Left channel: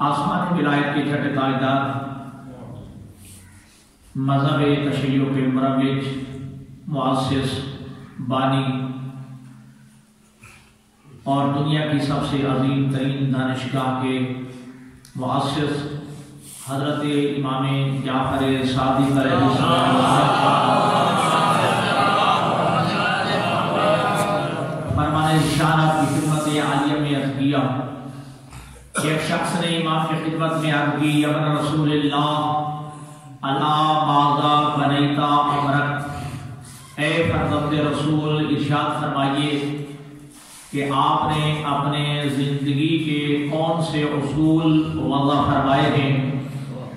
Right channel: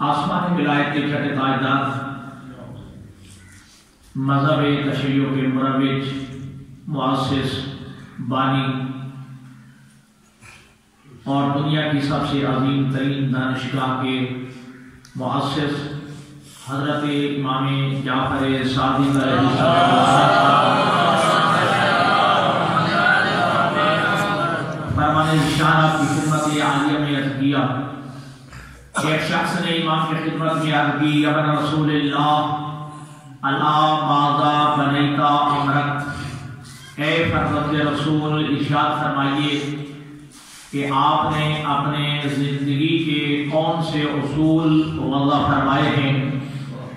آسمانی ولایت کے چھٹے تاجدار مذہب تشیع کے مروج مؤسس بانی اور دنیا کی سب سے عظیم ترین دانشگاہ کے مؤسس حضرت امام جعفر صادق علیہ السلام فرمان شان آپ کی خدمت عالیہ میں عرض کیا. ایک شخص نے امام کی خدمت میں عرض کی یا من رسول اللہ اللہ ماذا بنیتا عمرک، اے فرزند رسول ارشاد فرمائیے کہ آپ نے اپنے زندگی کے کون سے اصول وضع فرمائے ہیں،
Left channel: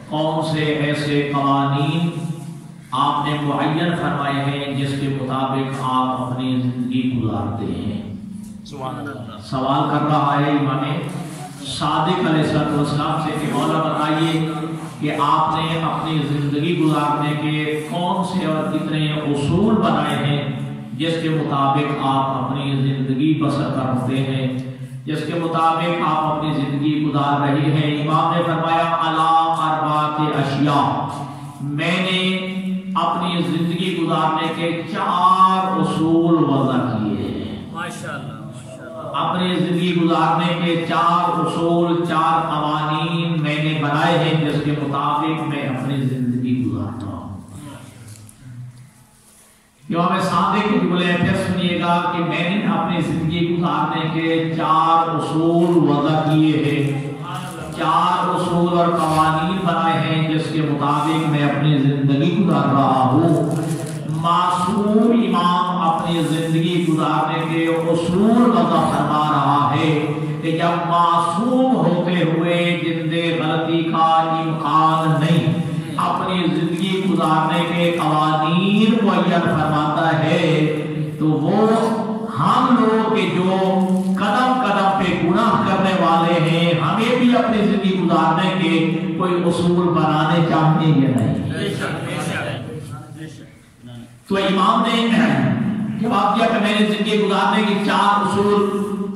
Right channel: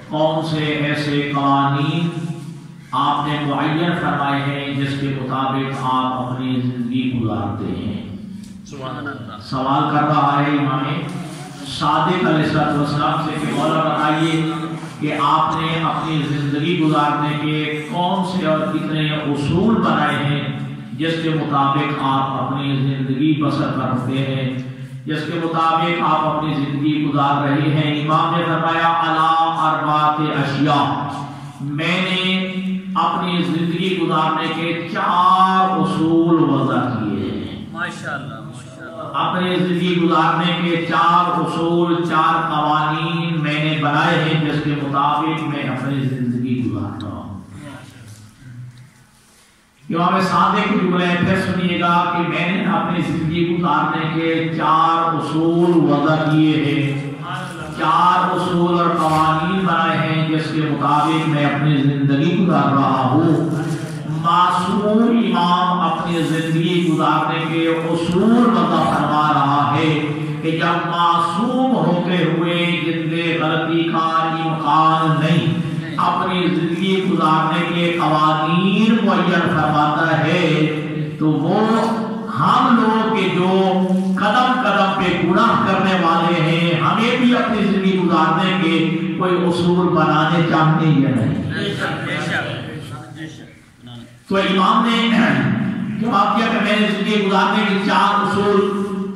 کون سے ایسے قوانین آپ نے معین فرمائے ہیں جس کے مطابق آپ اپنی زندگی گزارتے ہیں. سبحان اللہ. سوال کر رہا ہے امام صادق علیہ السلام سے کہ مولا بتائیے کہ آپ نے اپنی زندگی گزارنے کے کون سے اور کتنے اصول بنائے ہیں جس کے مطابق آپ اپنی زندگی بسر کرتے ہیں، جس کے مطابق آپ اپنی زندگی گزار رہے ہیں. امام نے فرمایا الا اربعۃ اشیاء، میں نے اپنی زندگی گزارنے کے 4 اصول وضع کیے ہیں. ماشاءاللہ اپنی زندگی گزارنے کے 4 اصول 4 قوانین میں نے بنائے ہیں جس کے مطابق میں اپنی زندگی گزارتا ہوں. امام صادق کی جملے پھر سنیے گا کہ میں نے اپنی زندگی گزارنے کے 4 اصول وضع کیے ہیں، 4 اصول اور قوانین بنائے ہیں جس کے مطابق میں اپنی زندگی گزار رہا ہوں. معصوم امام اپنی زندگی گزارنے کے اصول وضع فرما رہا ہے کہ جب معصوم ہوتے ہوئے جن میں غلطی کا امکان نہیں اپنی زندگی گزارنے کے قوانین معین فرماتا ہے تو وہ ہم لوگ کے جو قدم قدم پہ گناہ کرنے والے ہیں ہمیں بھی اپنی زندگی گزارنے کے کوئی اصول بنانے چاہتے یا نہیں. تو امام نے جواب دیا کہ میں نے زندگی گزارنے کے 4 اصول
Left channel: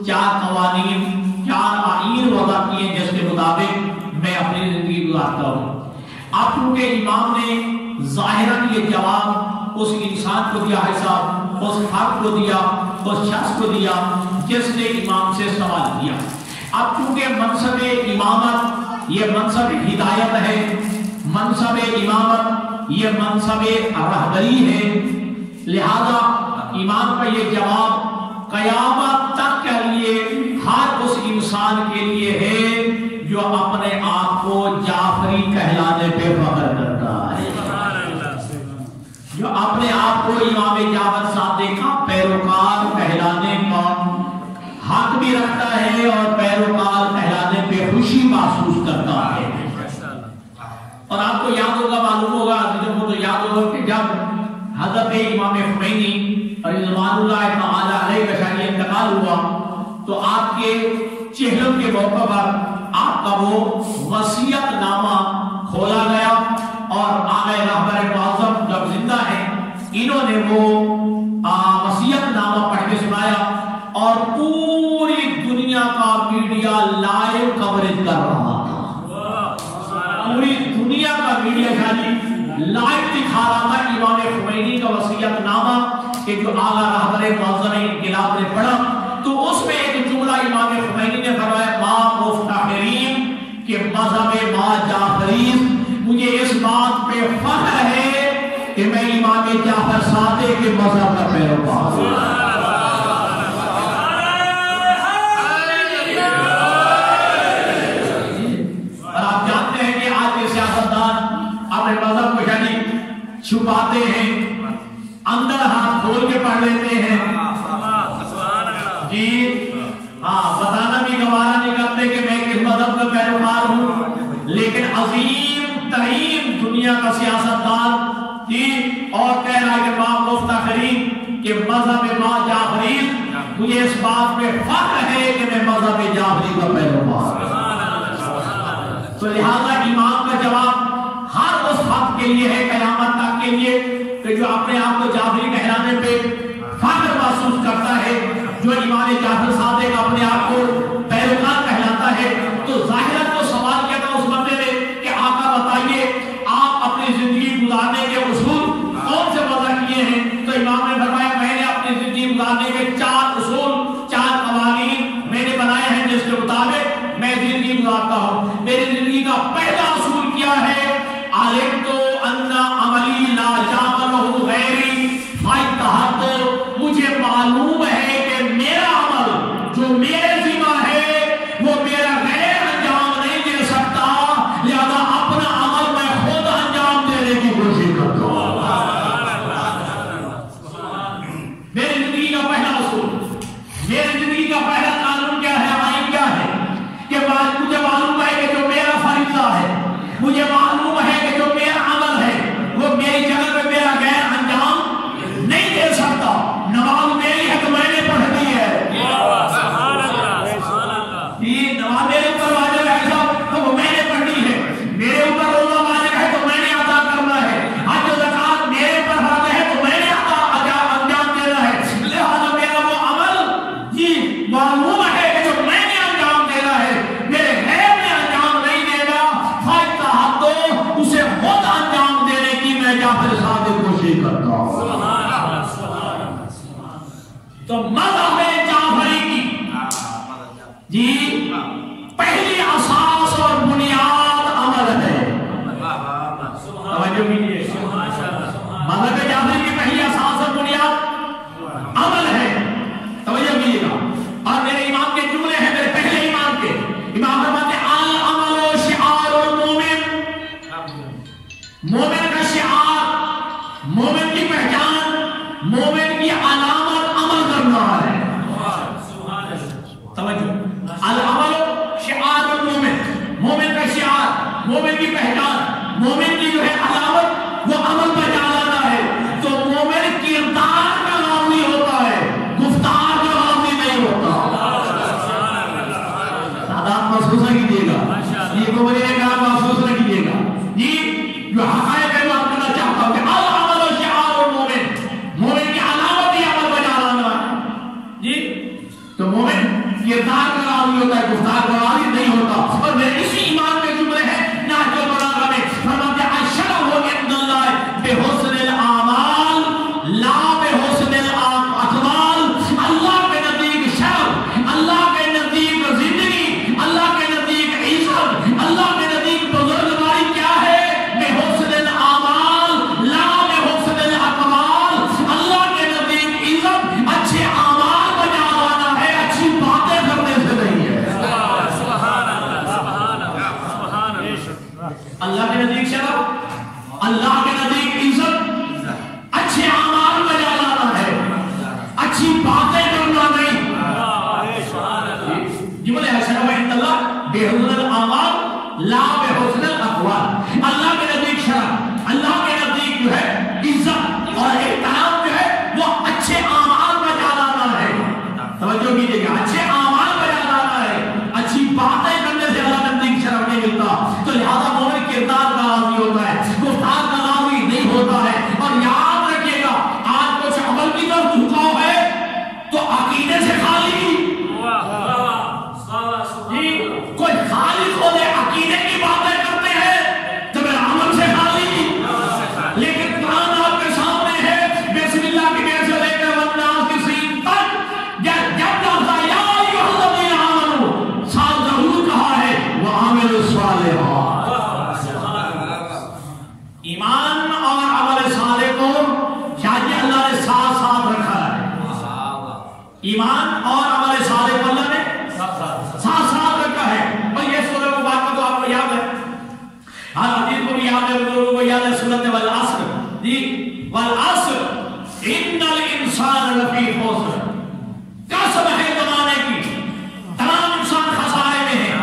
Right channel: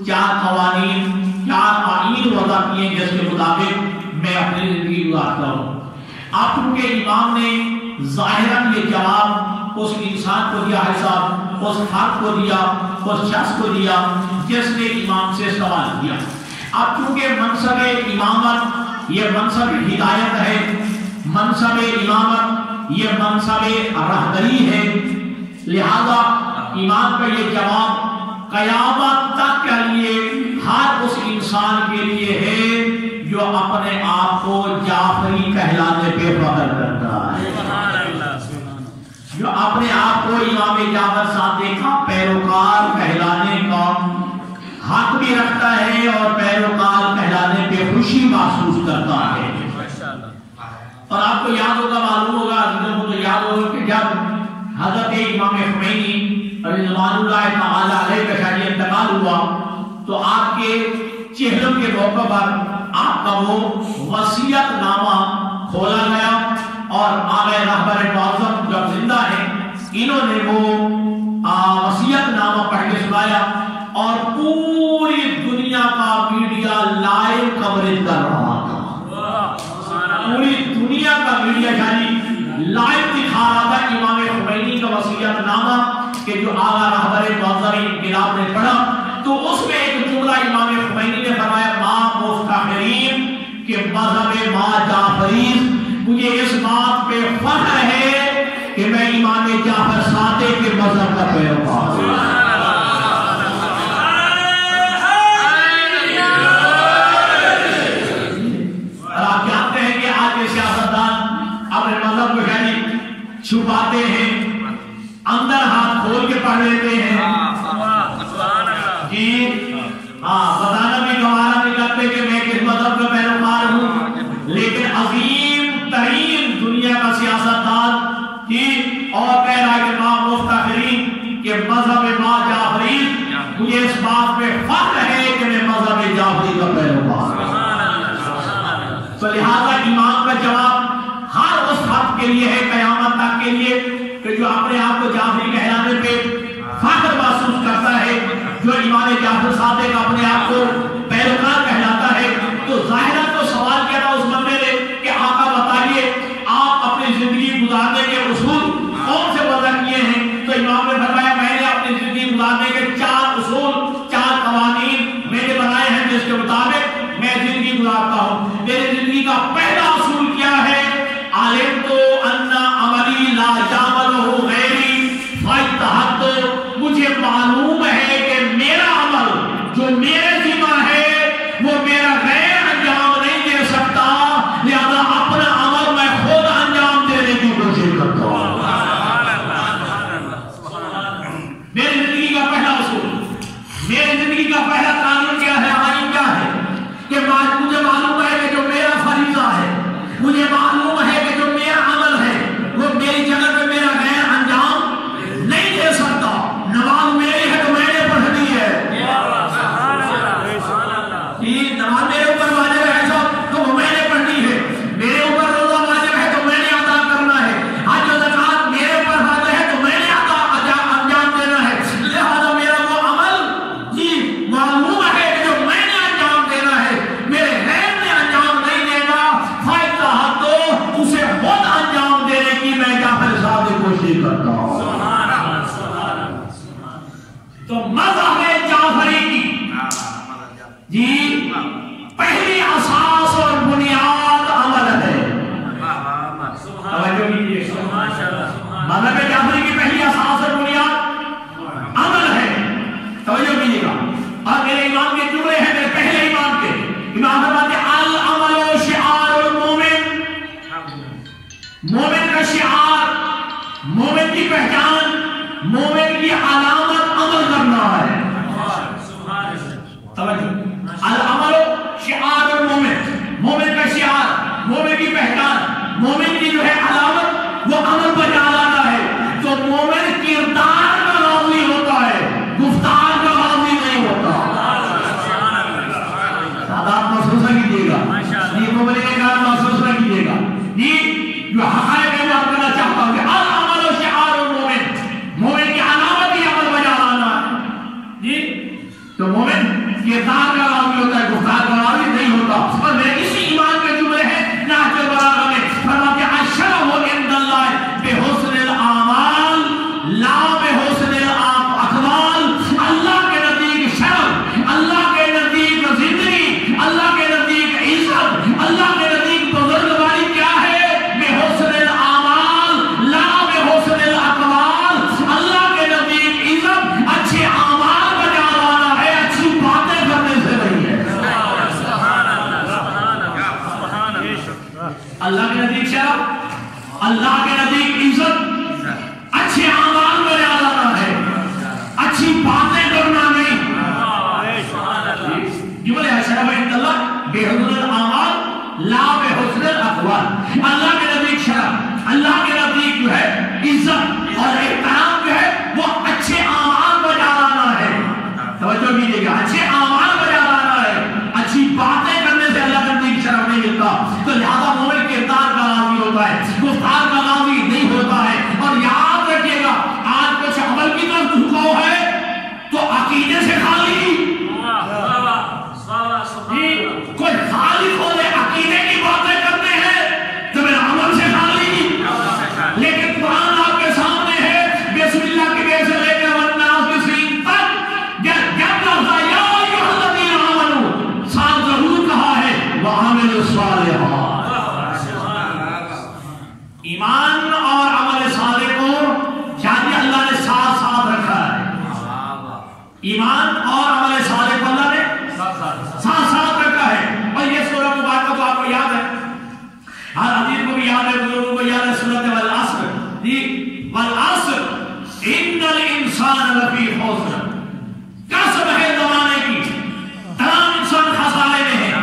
4 قوانین 4 آئین وضع کیے جس کے مطابق میں اپنی زندگی گزارتا ہوں. اب چونکہ امام نے ظاہراً یہ جواب اس انسان کو دیا ہے صاحب، اس فرد کو دیا، اس شخص کو دیا جس نے امام سے سوال کیا. اب چونکہ منصب امامت یہ منصب ہدایت ہے، منصب امامت یہ منصب رہبری ہے، لہذا امام کا یہ جواب قیامت تک کے لیے ہر اس انسان کے لیے ہے جو اپنے آپ کو جعفری کہلانے پہ فخر کرتا ہے، جو اپنے آپ کو امام جعفر صادق کا پیروکار کہلانے کا حق بھی رکھتا ہے اور پیروکار کہلانے پہ خوشی محسوس کرتا ہے. اور آپ کو یاد ہوگا، معلوم ہوگا، تو یاد ہوگا کہ جب حضرت امام خمینی رضوان اللہ تعالی علیہ کا شان انتقال ہوا تو آپ کے چہلم کے موقع پر آپ کا وہ وصیت نامہ کھولا گیا اور آقا رہبر معظم جب زندہ ہیں انہوں نے وہ وصیت نامہ پڑھ کے سنایا اور پوری دنیا کا میڈیا لائیو کوریج کر رہا تھا. پوری دنیا کا میڈیا شاہی لائیو دکھا رہا تھا امام خمینی کا وصیت نامہ کہ جو آقا رہبر معظم انقلاب نے پڑھا. تو اس میں ایک جملہ امام خمینی نے فرمایا ما مفتخرین کہ مذہب ما جعفرین، مجھے اس بات پہ فخر ہے کہ میں امام جعفر صادق کے مذہب کا پیروکار ہوں. چھپاتے ہیں، اندر ہاتھ کھول کے پڑھ لیتے ہیں، جی بتانا بھی گوارا نہیں کرتے کہ میں کس مذہب کا پیروکار ہوں. لیکن عظیم ترین دنیا کا سیاستدان جی اور کہہ رہا ہے کہ ما مفتخرین کہ مذہب ما جعفرین، مجھے اس بات پہ فخر ہے کہ میں مذہب جعفری کا پیروکار ہوں. تو لہذا امام کا جواب ہر اس فرد کے لیے ہے قیامت تک کے لیے کہ جو اپنے آپ کو جعفری کہلانے پہ فخر محسوس کرتا ہے، جو امام جعفر صادق اپنے آپ کو پیروکار کہلاتا ہے. تو ظاہرہ تو سوال لا یعملہ غیری فاجتہدت، مجھے معلوم ہے کہ میرا عمل جو میرے ذمہ ہے وہ میرا غیر انجام نہیں دے سکتا، لہذا اپنا عمل میں خود انجام دینے کی کوشش کرتا ہوں۔ میری زندگی کا پہلا اصول، میری زندگی کا پہلا قانون کیا ہے، آئین کیا ہے کہ مجھے معلوم ہے کہ جو میرا فریضہ ہے، مجھے معلوم ہے کہ جو میرا عمل ہے وہ میری جگہ پہ میرا غیر انجام نہیں دے سکتا۔ نماز میری ہے تو میں نے پڑھنی ہے، نماز میرے اوپر واجب ہے تو وہ میں نے پڑھنی ہے، میرے اوپر روزہ واجب ہے تو میں نے ادا کرنا ہے، حج و زکات میرے اوپر فرض ہے تو میں نے انجام دینا ہے، لہذا میرا وہ عمل معلوم ہے کہ جو میں نے انجام دینا ہے، میرے غیر نے انجام نہیں دینا، فاجتہدت، اسے خود انجام دینے کی میں جعفر صاحب کی کوشش کرتا ہوں۔ تو مذہب جعفری کی پہلی اساس اور بنیاد عمل ہے۔ مذہب جعفری کی پہلی اساس اور بنیاد عمل ہے، توجہ کیجیے گا۔ اور میرے امام کے جملے ہیں، میرے پہلے امام کے، امام فرماتے ہیں العمل شعار المومن، مومن کا شعار، مومن کی پہچان، مومن کی علامت عمل کرنا ہے۔ توجہ، العمل شعار المومن، مومن کا شعار، مومن کی پہچان، مومن کی جو ہے علامت وہ عمل پر جانا ہے۔ تو مومن کردار کا راوی ہوتا ہے، گفتار کا راوی نہیں ہوتا۔ آپ محسوس نہ کیجیے گا، یہ مومن کا محسوس نہ کیجیے گا، یہ جو حقائق ہے میں آپ کرنا چاہتا ہوں کہ العمل شعار المومن، مومن کی علامت ہی عمل پر جانا ہے جی۔ تو مومن کردار کا راوی ہوتا ہے، گفتار کا راوی نہیں ہوتا۔ اور میرے اسی ایمان کے جملے ہیں نہج البلاغہ میں، فرماتے ہیں الشرف عند اللہ بحسن الاعمال لا بحسن الاقوال، اللہ کے نزدیک شرف، اللہ کے نزدیک زندگی، اللہ کے نزدیک عزت، اللہ کے نزدیک بزرگواری کیا ہے؟ بحسن الاعمال لا بحسن الاقوال، اللہ کے نزدیک عزت اچھے اعمال بجا لانا ہے، اچھی باتیں کرنے سے نہیں ہے۔ اللہ کے نزدیک شرف، اللہ کے نزدیک عزت اچھے اعمال بجا لانا ہے، اچھی باتیں کرنا نہیں۔ یہ بولے الشرف عند اللہ بحسن الاعمال لا بحسن الاقوال، اللہ کے نزدیک شرف، اللہ کے نزدیک جو ہے عزت اور احترام جو ہے وہ اچھے اعمال بجا لانا ہے۔ توجہ کیجیے گا، اچھے اعمال بجا لانا ہے، اچھی باتیں کرنے سے اللہ کے نزدیک شرف نہیں ملتا۔ تو لہذا مومن کردار کا راوی ہوتا ہے، گفتار کا راوی نہیں ہوتا ہے۔ اور یاد رکھیے گا، آج کچھ عمل کی طرف جھکاؤ ہے تو عقیدے سے خالی کوئی خالق ہو دے عقیدے کی باتیں کرتے ہیں تو میرا عمل سے خالی، لیکن قرآن آپ کے سامنے ہے، بسم اللہ کی بے سے لے کر والناس کی سین تک جب لفظ یا ایھا الذین آمنوا ساتھ ضرور کہا ہے وعملوا الصالحات۔ ایمان اور عمل صالح کو شاید اللہ نے ساتھ ساتھ رکھا ہے، ایمان اور عمل صالح کو اللہ نے ساتھ ساتھ رکھا ہے۔ اور یہ سورہ مبارکہ تو آپ کو یاد ہے، ہر حدیث کو بھی یاد ہے، بزرگوں کو یاد ہے، سورۃ والعصر جی، والعصر ان الانسان لفی خسر، قسم ہے زمانے کی، تمام انسان خسارے میں ہیں،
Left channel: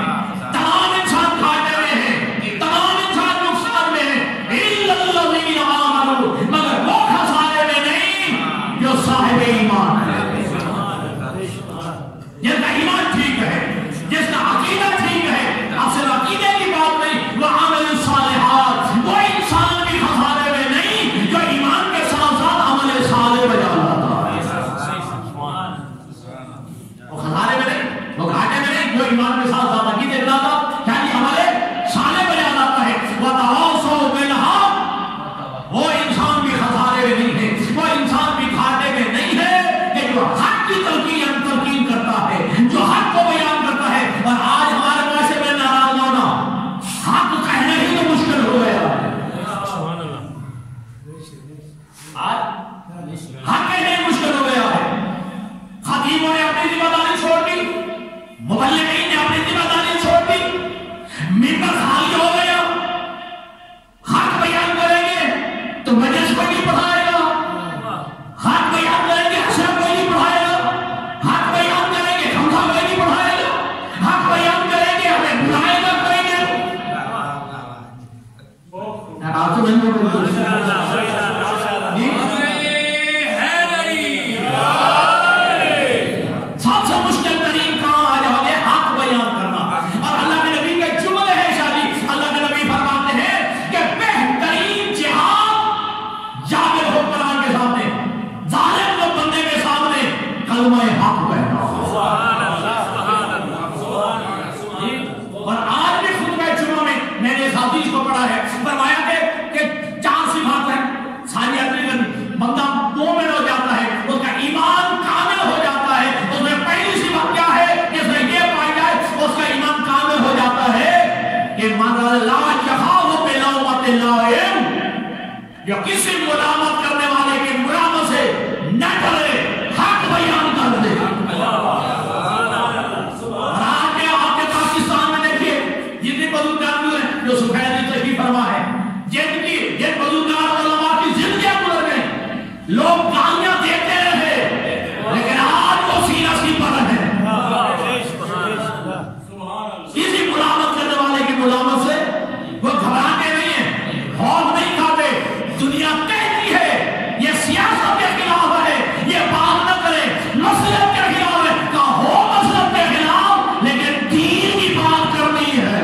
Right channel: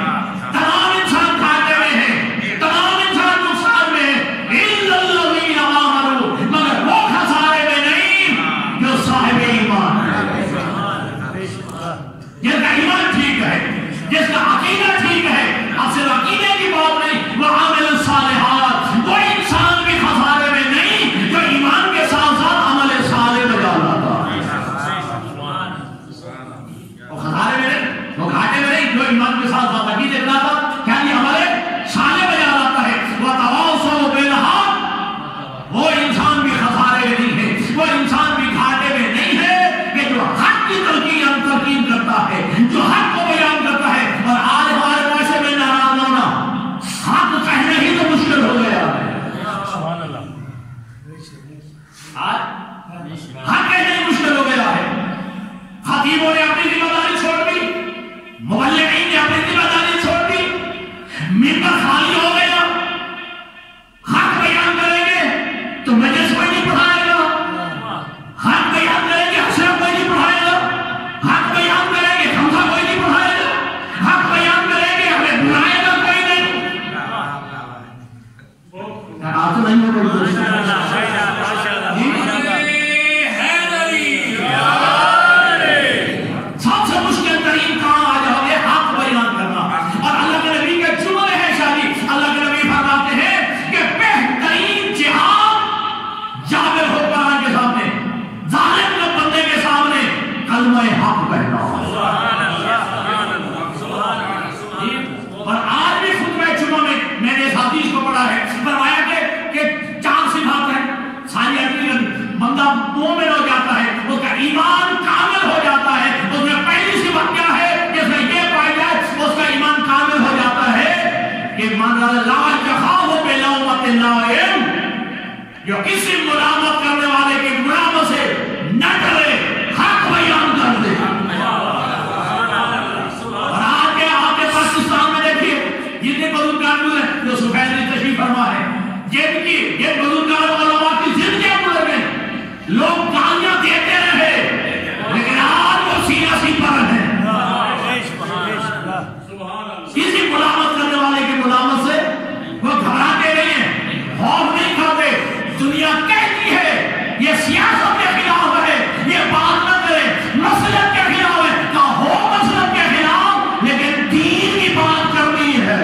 تمام انسان گھاٹے میں ہیں، تمام انسان نقصان میں ہیں، الا الذین آمنوا، مگر وہ خسارے میں نہیں جو صاحب ایمان ہے، جس کا ایمان ٹھیک ہے، جس کا عقیدہ ٹھیک ہے۔ اب صرف عقیدے کی بات نہیں، وہ عامل الصالحات، وہ انسان بھی خسارے میں نہیں جو ایمان کے ساتھ ساتھ عمل صالح بجا لاتا ہے۔ وہ خسارے میں نہیں، وہ گھاٹے میں نہیں، جو ایمان کے ساتھ ساتھ عقیدے کے ساتھ یعنی عمل صالح بجا لاتا ہے۔ وتواصوا بالحق، وہ انسان بھی خسارے میں نہیں ہے، وہ انسان بھی گھاٹے میں نہیں ہے کہ جو حق کی تلقین کرتا ہے، جو حق کو بیان کرتا ہے۔ اور آج ہمارے معاشرے میں ناراض ہونا، حق کہنا ہی تو مشکل ہو گیا ہے۔ مبلغین نے اپنی ذمہ داری چھوڑ دی، منبر خالی ہو گیا، حق بیان کریں گے تو مجلس کوئی نہیں پڑھائے گا، حق بیان کریں گے حشر کوئی نہیں پڑھائے گا، حق بیان کریں گے حمزہ کوئی نہیں پڑھائے گا، حق بیان کریں گے ہمیں بلائے گا کوئی نہیں۔ آپ تو نہیں ہو سب سے مشکل ترین کام آ جاؤ گے حق بیان کرنا، اور اللہ کے نبی کے جملے ہیں شادی، اللہ کے نبی فرماتے ہیں کہ بہترین جہاد جابر ہو قرآن کے سامنے، ظالم کے بندے کے سامنے کلمہ حق کہنا۔ اور آج بھی خطبہ جمعہ میں میں نے اس حدیث کو پڑھا ہے، فرمایا کہ 4 صفات ہیں، ساری بندہ مومن ہو جاتا ہے، اس کا ایمان کامل ہو جاتا ہے، اس میں پہلی صفت کیا ہے کہ اس میں یہ پائی جائے اس کا ایمان کامل ہو جاتا ہے کہ من لا یخاف بلومۃ لائم، جو کسی ملامت کرنے والے کے ملامت سے نہ ڈرے، حق بیان کر دے۔ اور آج کے پاکستان میں دیکھیے جتنے بزرگان ہوئے جو سفید نے تشریف فرما ہے، جن بزرگان علماء کی زندگیاں گزر گئی، لوگ گالیاں دیتے رہے لیکن آج وہ سیاسی پر ہیں، کسی ملامت کرنے والے کی ملامت سے وہ گھبراتے نہیں ہیں، خوف نہیں کھاتے۔ دنیا کہتی ہے یہ سیاست کے خلاف ہے، یہ بات نہ کرے، مسلک کے خلاف ہے، کہا ہو مسلک کے خلاف لیکن دین کی بات کرنی ہے۔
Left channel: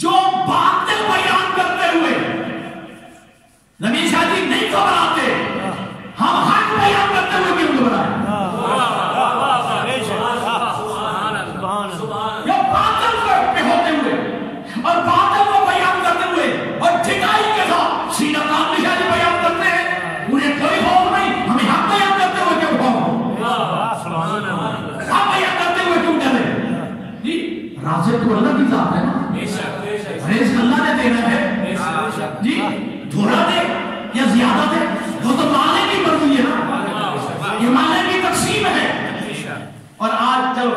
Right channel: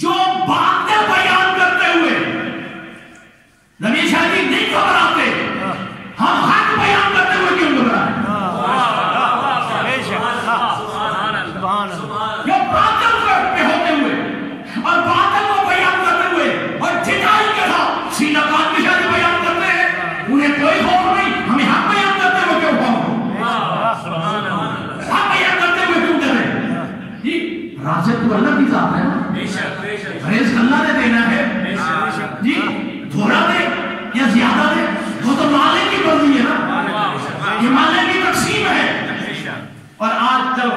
جو باتیں بیان کرتے ہوئے نبی شاہ جی نہیں گھبراتے، ہم حق بیان کرتے ہوئے کیوں گھبرائیں؟ جو باطل پہ ہوتے ہوئے اور باطل کو بیان کرتے ہوئے اور جھٹائی کے ساتھ سینہ کان کی شاہ جی بیان کرتے ہیں، انہیں کوئی خوف نہیں، ہمیں حق بیان کرتے ہوئے کیوں خوف ہو؟ حق بیان کرتے ہوئے کیوں ڈرے؟ جی رازق تو اللہ کی ذات ہے نا، رزق اللہ نے دینا ہے، جی تھوڑا دے یا زیادہ دے وہ تو مالک کی مرضی ہے نا، یہ مالک کی تقسیم ہے۔ اور آج چلو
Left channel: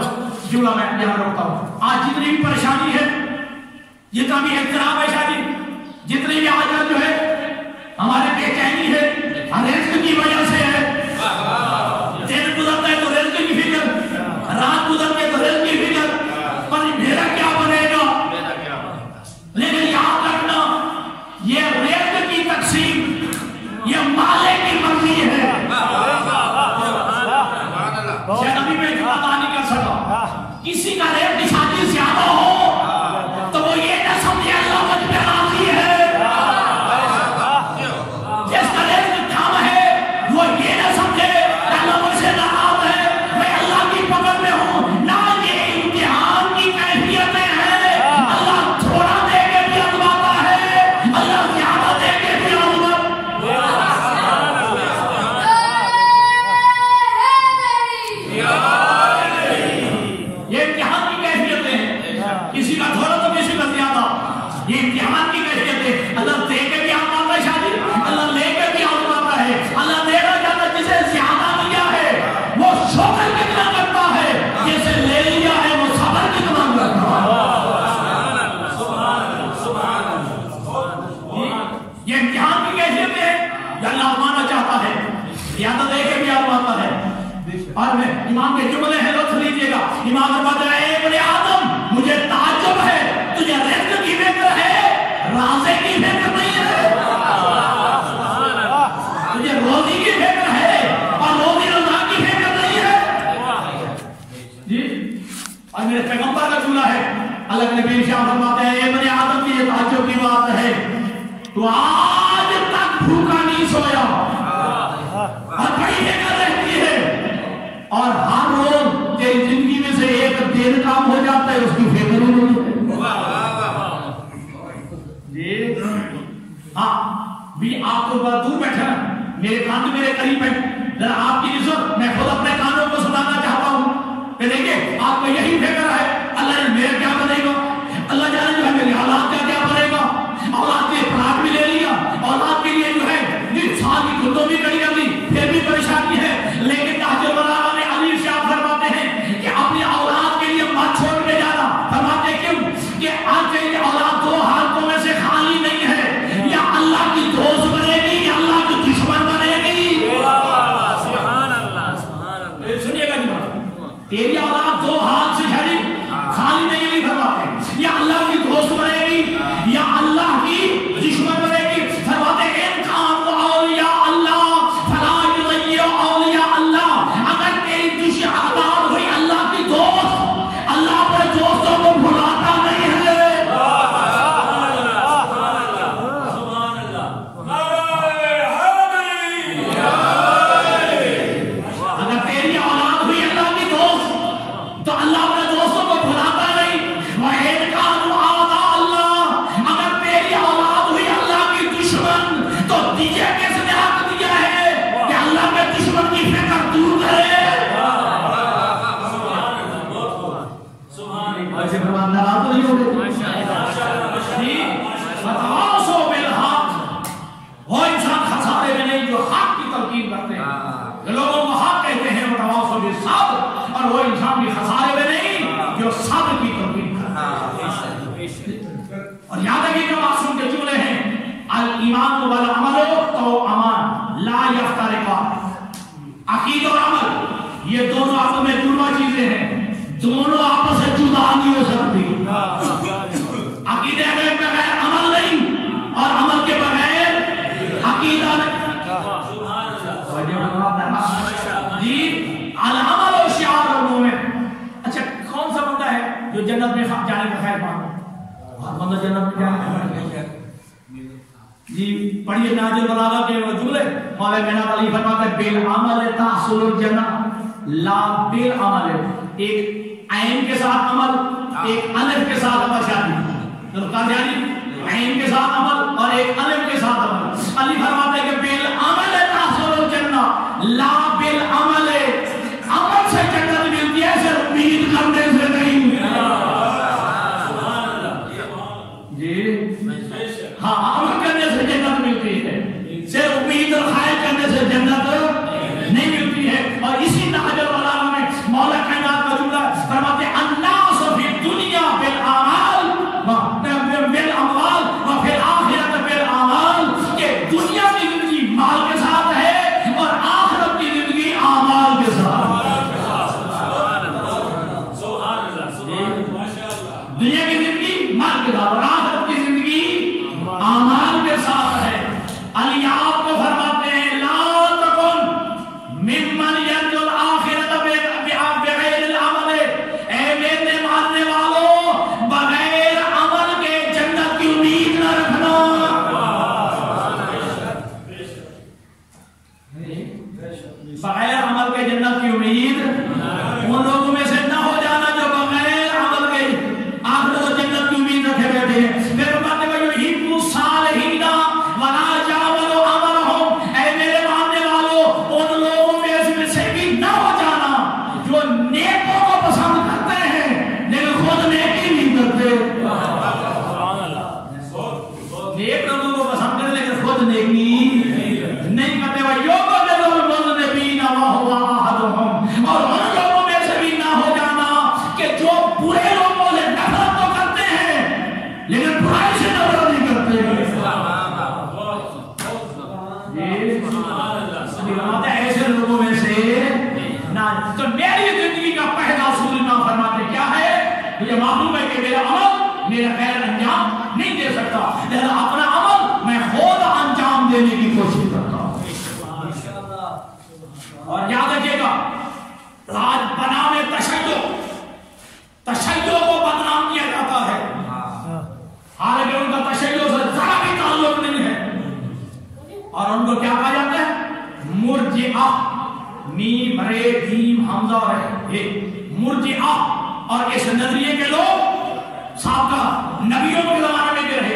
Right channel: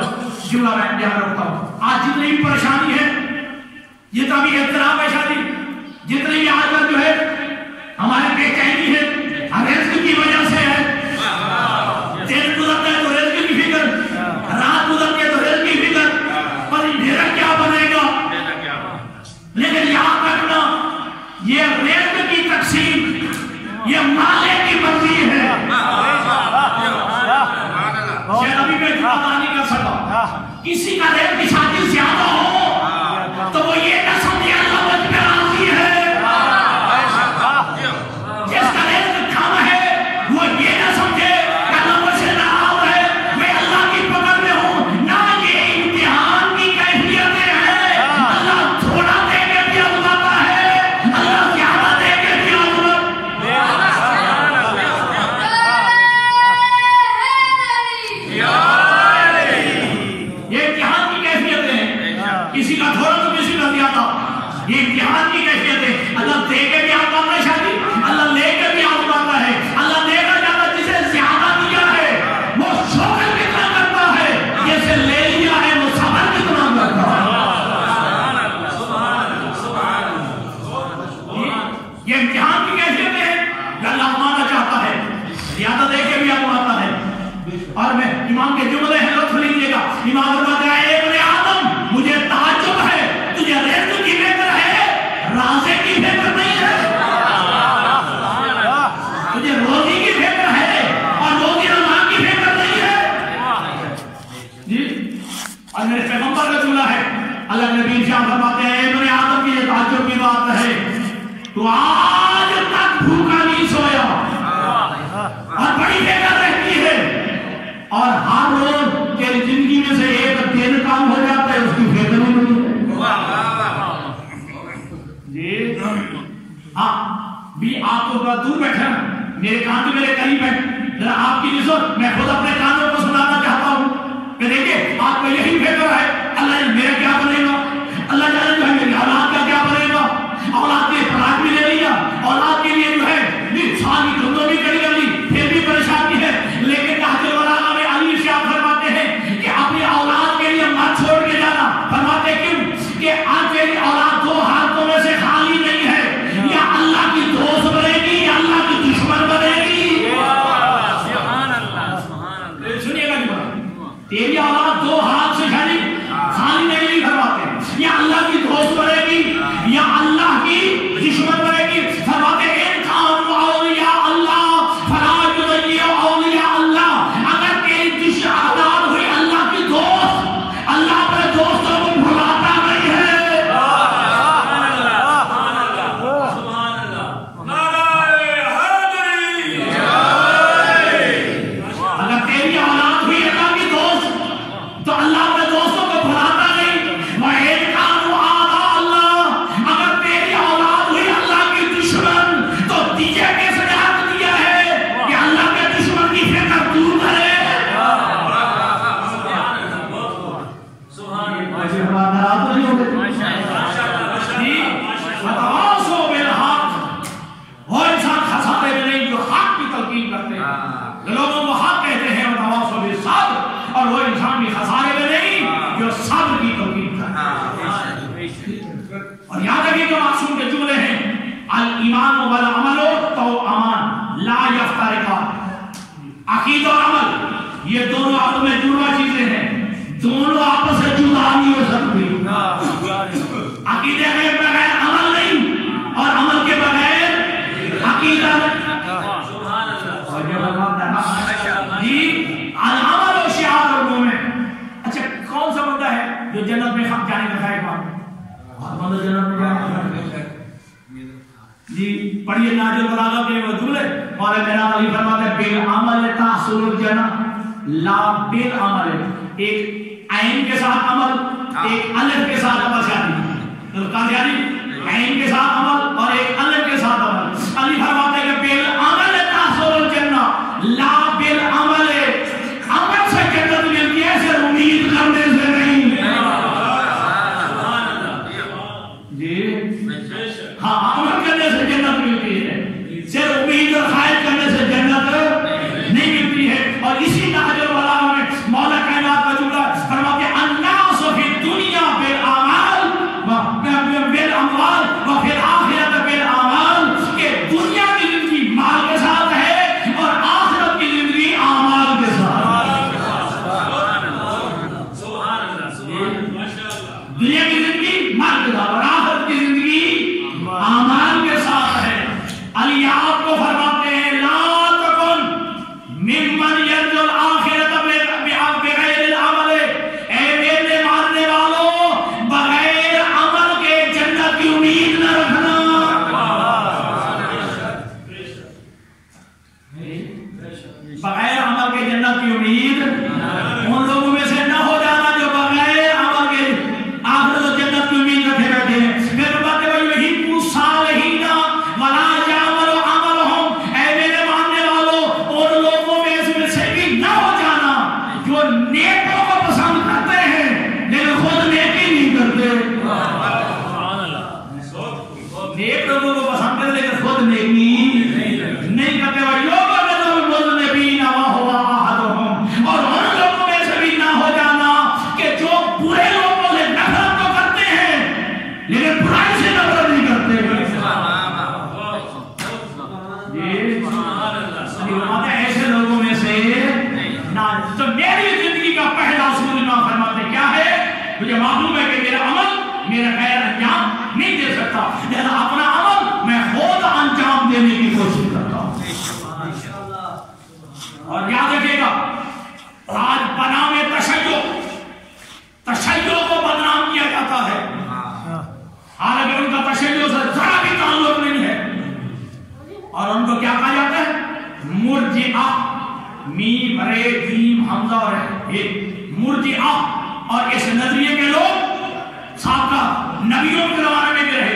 جمعہ میں یہاں رکھتا ہوں، آج جتنی بھی پریشانی ہے، جتنا بھی اضطراب ہے شادی، جتنی بھی آج کل جو ہے ہمارے بے چینی ہے، رزق کی وجہ سے ہے، دن گزرتا ہے تو رزق کی فکر، رات گزرتی ہے تو رزق کی فکر، پر میرا کیا بنے گا؟ لیکن یاد رکھنا یہ رزق کی تقسیم یہ مالک کی مرضی ہے۔ شاید ابھی میں جمعہ نہیں کر سکا، کسی کا رزق کی شادی زیادہ ہو تو وہ یہ نہ سمجھے اللہ مجھ پہ راضی ہے، جس کا رزق کم ہے وہ یہ نہ سمجھے کہ اللہ مجھ سے ناراض ہے، میں اللہ کی پکڑ میں ہوں۔ نہ یہ امتحان کی کیفیتیں ہیں، اللہ تھوڑا دے کے بھی آزماتا ہے، اللہ زیادہ دے کے بھی یہ امتحان کی کیفیتیں ہیں، کسی کا تھوڑا تو کسی کا زیادہ، یہ امتحان کی کیفیتیں، اللہ دے کے بھی آزماتا ہے شادی، اللہ لے کے بھی آزماتا ہے، اللہ دے کر جاتا جسے زیادہ دیا ہے وہ شکر کتنا کرتا ہے، جسے لے لیا ہے وہ صبر کتنا کرتا ہے۔ یہ امتحان کی کیفیتیں ہیں کہ اللہ آزمانا چاہتا ہے، زیادہ دے کے بھی آزماتا ہے۔ اور میں امام کے جملے ہیں، لطف لیجیے گا، امام فرماتا ہے اے ابن آدم مجھے تعجب ہے تجھے رزق کی فکر ہے، رازق کی فکر نہیں ہے، تجھے روزی کی فکر ہے اور روزی رزق کی فکر نہیں ہے۔ جی اور میرے پیغمبر کا جملہ ہے، اللہ کے نبی شاہ فرماتے ہیں اے ابن آدم کی یہ تعجب کی بات ہے تو آج تک بھوکا نہیں سویا اور بڑی فکر رہتی ہے، اور ہر روز تیری زندگی میں سے ایک دن کام ہو جاتا ہے اس کی فکر نہیں جی ہاں بھی آپ تو بہت دور بیٹھے ہیں، میرے کان تو میرے قریب ہیں، ذرا آپ کی نسبت میں خود اپنے کانوں کو سنانا چاہتا ہوں کہ دیکھیں آپ کو یہی فکر ہے اللہ جانے میرا کیا بنے گا، اللہ جانے جو ہے میری اولاد کا کیا بنے گا، اولاد کے پلاٹ بھی لے لیا، اولاد کے لیے جو ہے سال کی دھندوں بھی کڑی کر لی، پھر بھی پریشانی ہے، لیکن تحت البلاغہ میں علی سے آپ فرماتے ہیں کہ اپنی اولاد کے لیے مت چھوڑ کے جانا، فرماتے کیوں کہ آپ کے اولاد دو حالتوں میں سے خالی نہیں ہے، یا اللہ کی دوست بنے گی یا اللہ کی دشمن بنے گی۔ سنیے گا تیری اولاد دو ہاتھ سے خالی نہیں فرماتے ہیں، یا اللہ کی دوست بنے گی یا اللہ کی دشمن بنے گی، فرماتے ہیں اولیاء اللہ فلا یضیع اولیاء اللہ، اگر تیری دشمن اولاد ہوئی اللہ کی دوست، اللہ اپنے دوستوں کو بھلاتا نہیں ہے۔ اگر تیری اولاد ہوئی اللہ کی دوست تو اللہ اپنے دوستوں کو بھلاتا نہیں، وَإِنْ كَانُوا أَعْدَاءَ اللَّهِ، اگر تیری اولاد ہوئی اللہ کی دشمن تو دیے کیسے حق دیا ہے کہ اللہ کے دشمن کی فکر دور کرے۔ وَتَوَاصَوْا بِالْحَقِّ، وہ انسان خسارے میں نہیں جو حق کی تلقین کرتے ہیں، لوگوں کو حق کہتے ہیں، وَتَوَاصَوْا بِالصَّبْرِ، اور وہ انسان بھی خسارے میں نہیں جو صبر کی تلقین کرتے ہیں۔ اور یاد رکھیے جو معصوم کے جملے ہیں، الایمان والعمل توأمان لا یفترقان، عقیدہ اور عمل یہ دونوں آپس میں جڑواں چیزیں ہیں، دونوں آپس سے جدا نہیں ہو سکتی۔ عقیدے کے بغیر عمل نہیں اور عمل کے بغیر عقیدہ جی۔ العمل و شعار المومن، اچھا کون سا بندہ ہے جو جنت میں جانے کا خواہش مانتا؟ بندہ جنت میں جانے کا جی پڑھیے ناجل بلاغہ کے وصول ہے، مولا جناب علی فرماتے ہیں بالعمل تحصل الجنہ لا بالعمل، ایک عین کے ساتھ عمل، ایک الف کے ساتھ عمل شادی، عین کے ساتھ عمل اور ایک الف کے ساتھ عمل۔ علی فرماتے ہیں کہ بالعمل تحصل الجنہ لا بالعمل، عمل سے جنت ملتی ہے صرف امید کرنے سے نہیں۔ جی ہاں عمل کرنے سے جنت ملتی ہے، صرف امید اور خواہش کرنے سے جنت نہیں ملتی ہے۔ اور اسی نہج البلاغہ میں مولا کائنات کا جملہ فرماتے ہیں الناس فی الدنیا بالاموال وفی الاخرۃ بالاعمال، کہ دنیا کی زندگی مال کے ساتھ ہے اور آخرت کی زندگی اعمال کے ساتھ۔ دنیا کی زندگی مال کے ساتھ اور آخرت کی زندگی اعمال کے ساتھ ہے۔ علی آپ کو فرماتے ہیں لا تکن ممن یرجو الآخرۃ بغیر العمل، اے میرے ماننے والوں بغیر عمل کے جنت کی امید نہ رکھنا۔ بغیر عمل کے جنت کی امید ان لوگوں میں سے نہ ہو جانا جو بغیر عمل کے آخرت و جنت کی امید رکھے بیٹھے ہیں۔ پھر باتیں وہی یحب الصالحین ولا یعمل عملهم، اے میرے ماننے والوں ان لوگوں میں سے بھی نہ ہو جانا جو نیکوں کو پسند کرتے ہیں لیکن خود نیکی نہیں کرتے۔ نیک لوگوں کو پسند کرتے لیکن خود نیکی نہیں کرتے۔ اور ان لوگوں میں سے بھی نہ ہو جانا کہ جو برے لوگوں سے نفرت تو کرتے ہیں لیکن برائی سے نفرت نہیں کرتے۔ ایسے لوگوں میں سے نہ، تو میری زندگی کا پہلا اصول نہ فرماتے کیا ہے؟ مجھے معلوم ہے کہ میرا عمل میرا خیر انجام نہیں دے سکتا، لہذا اپنا عمل میں خود انجام دینے کی کوشش کرتا ہوں۔ اور یاد رکھیے گا آج بنام تشیع کو بدنام کیا جاتا ہے، حالانکہ ان کا تشیع سے ذرا بھی تعلق نہیں ہے، اور ان کو کیا کہا جاتا ہے؟ مرجئہ، میم رے جیم حمزہ اور مرجئہ۔ اور اس نظریے کے لوگ سابقہ نبیوں کے زمانے میں بھی رہے،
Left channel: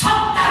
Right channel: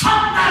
70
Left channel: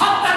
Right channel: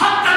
70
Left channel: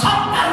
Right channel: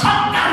70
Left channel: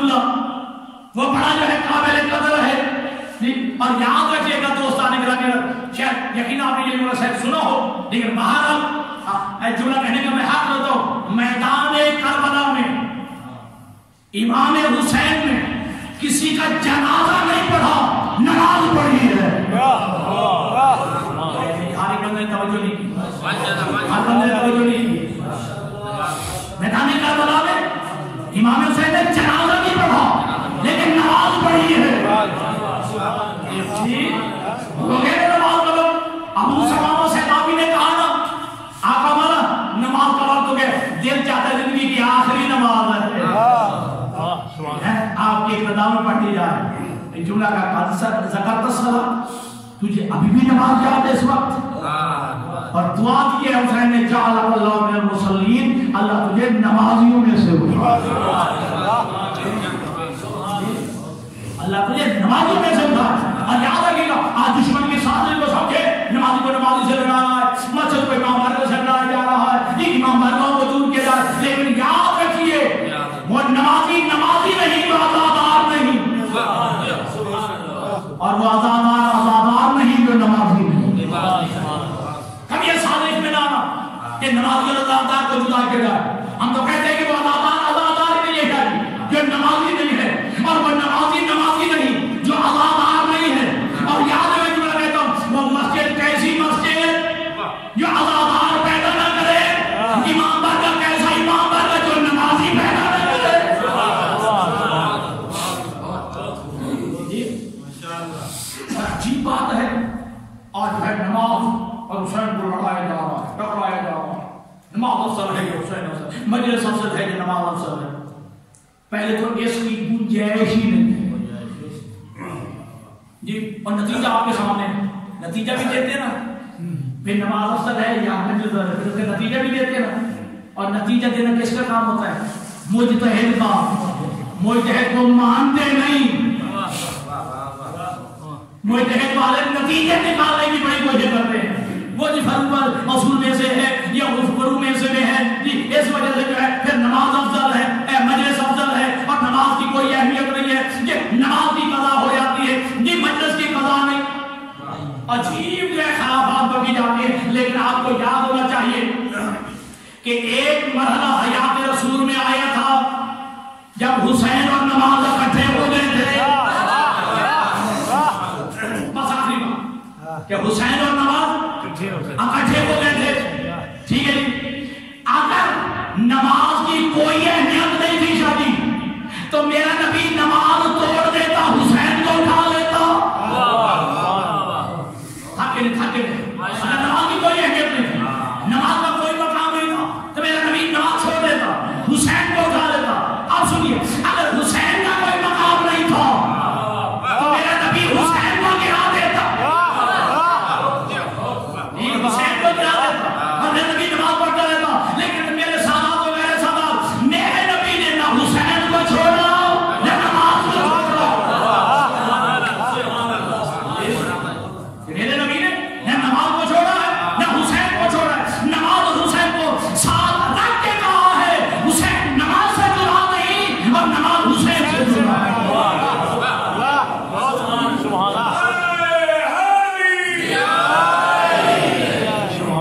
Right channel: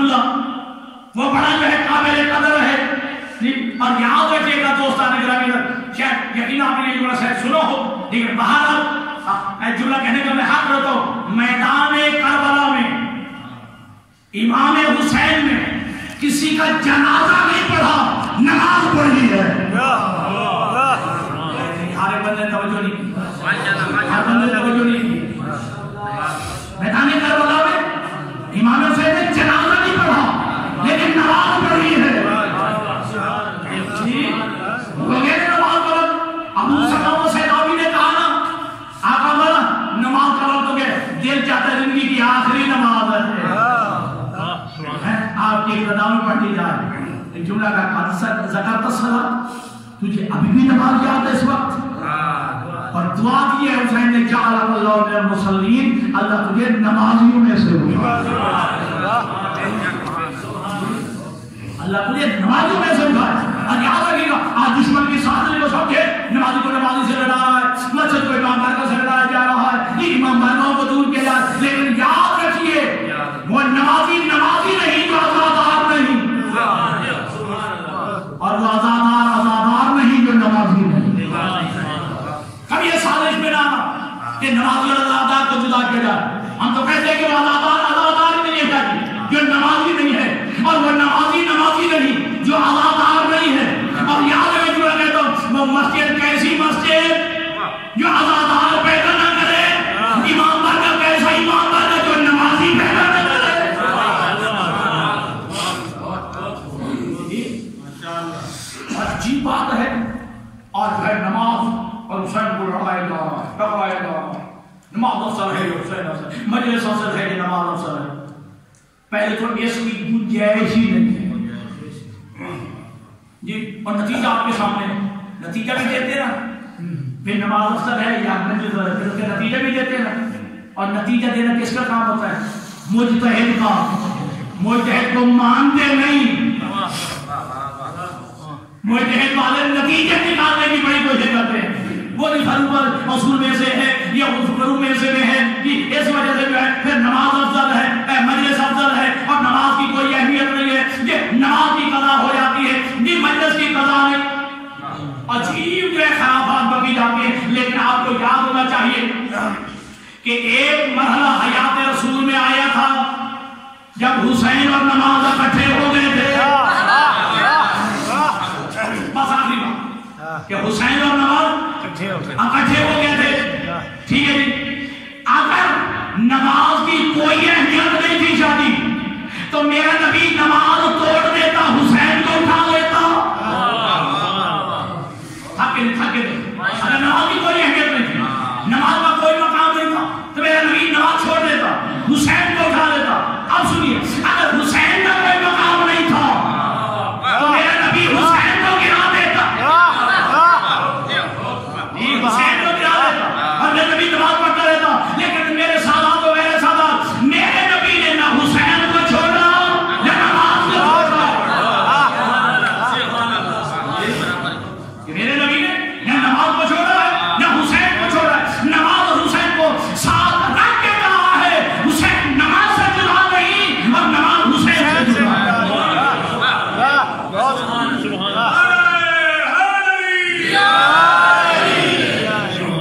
اللہ وہ بڑا جو ہے قابل قدر ہے. اور یاد رکھیے گا دوستان گرامی، شاید یقین آپ نے یہ جملہ شاید سنا ہو، لیکن بہرحال جملہ کہنے کا میں حق رہتا ہوں. میدان کربلا میں امام حسین نے کسی کا جنازہ نہیں پڑھا، نماز پڑھی ہے. ہر بندے توجہ نہیں کی، ہر بندے توجہ نہیں کی. میدان کربلا میں امام حسین نے جنازہ نہیں پڑھا لیکن نماز پڑھی ہے. نماز پڑھا. ابو سلامہ سیدابی نے کہا نا آقا مولا نماز کا وقت ہو گیا، دل چاہتا ہے زندگی کی آخری نماز ہے آپ کی اقتدا میں پڑھی جائے. ایک جملہ کا زکات الصلاۃ، تجھے ابھی بھی نماز یاد ہے اس وقت؟ اور دعا کی ہے حسین نے جعل اللہ من المصلین، اللہ تجھے نمازیوں میں سے اٹھا، اللہ تجھے نمازیوں میں سے اٹھا. اور یاد رکھیے گا آج دشمن کے سامنے جو سمجھے نمازی کو نمازی سے لڑا رہا ہے، مسجد کو امام بارگاہ سے لڑایا جا رہا ہے، یہ امام بارگاہوں کو دور کیا جائے، لیکن یاد رکھیے وہ نمازی نمازی نہیں جو آزادار نہیں، اور وہ آزادار نہیں جو نمازی نہیں. کبھی یہ سازش میں نہ آنا کہ نمازی اور آزادار کو جدا کیا جائے. ہم تو کہتے ہیں کہ وہ آزادار نہیں ہے جو نمازی نہیں ہے، اور وہ نمازی نہیں جو آزادار نہیں ہے. اور یاد میں جو کہتا ہوں وہ مسجد کیسی مسجد جو آزادار پیدا نہ کرے، امام بارگاہ کیسا امام بارگاہ جو نمازی پیدا نہ کرے. عجیب بات ہے آج ہے نماز اور حسین کو لڑایا جا رہا ہے، ٹکرایا جا رہا ہے. نماز افضل ہے کہ حسین افضل، مجلس افضل ہے کہ نماز افضل ہے. پہلے تو اس کی گنجائش ہی نہیں ہے جی. اور نتیجہ آپ کے سامنے ہے، نتیجہ بھی دیتے نا، پھر نماز افضل ہے یا مجلس افضل ہے، پھر اس کا نتیجہ بھی دیتے نا. اور نتیجہ دینا کس کا کام ہوتا ہے؟ مجتہد کا. مجتہد کو مانتے نہیں، مجتہد والے نتیجے نکالنے کی بڑی کوشش کرتے ہیں. وہ جس پر اصول میں سے ہے یا فروع میں سے ہے کہ اس وجہ سے جو ہے پھر نماز افضل ہے، مجلس افضل ہے، اور نماز کی کوئی اہمیت نہیں ہے. یہ نماز کی قضا ہو جاتی ہے جی، مجلس کی قضا نہیں. عجیب جو ہے خرافات بکی جاتی ہے. لیکن آپ کو یاد ہونا چاہیے کہ ایک مرحلہ حیات رسول میں آیا تھا جب حسین اور نماز اکٹھے ہو گئے تھے. بس آخری بات کہ حسین اور نماز اکٹھے ہو گئے تھے. ٹھیک ہے جی. اگر نماز کی کوئی اہمیت نہیں تھی شادی تو میرا نبی نماز توڑ دیتا، حسین کو اٹھا لیتا. اگر نماز کی کوئی اہمیت نہیں تھی، نماز کا کوئی مقام نہیں تھا تو میرا نبی نماز چھوڑ دیتا، حسین کو اٹھا لیتا. اب سنیے، اگر حسین کا کوئی مقام نہیں تھا تو میرا نبی حسین کو گرا دیتا، حسین کو گرا دیتا اور میرا نبی نماز پڑھتا رہتا. لیکن میرے سادات و میرے سادات، میرے نبی نے نہ حسین کو چھوڑا نہ نماز کو چھوڑا. میرے نبی نے نہ نماز کو چھوڑا ہے نہ حسین کو چھوڑا ہے. نماز اور حسین کو ساتھ رکھ کے کہا ہے، حسین نماز سے جدا نہیں اور نماز حسین سے جدا ہے.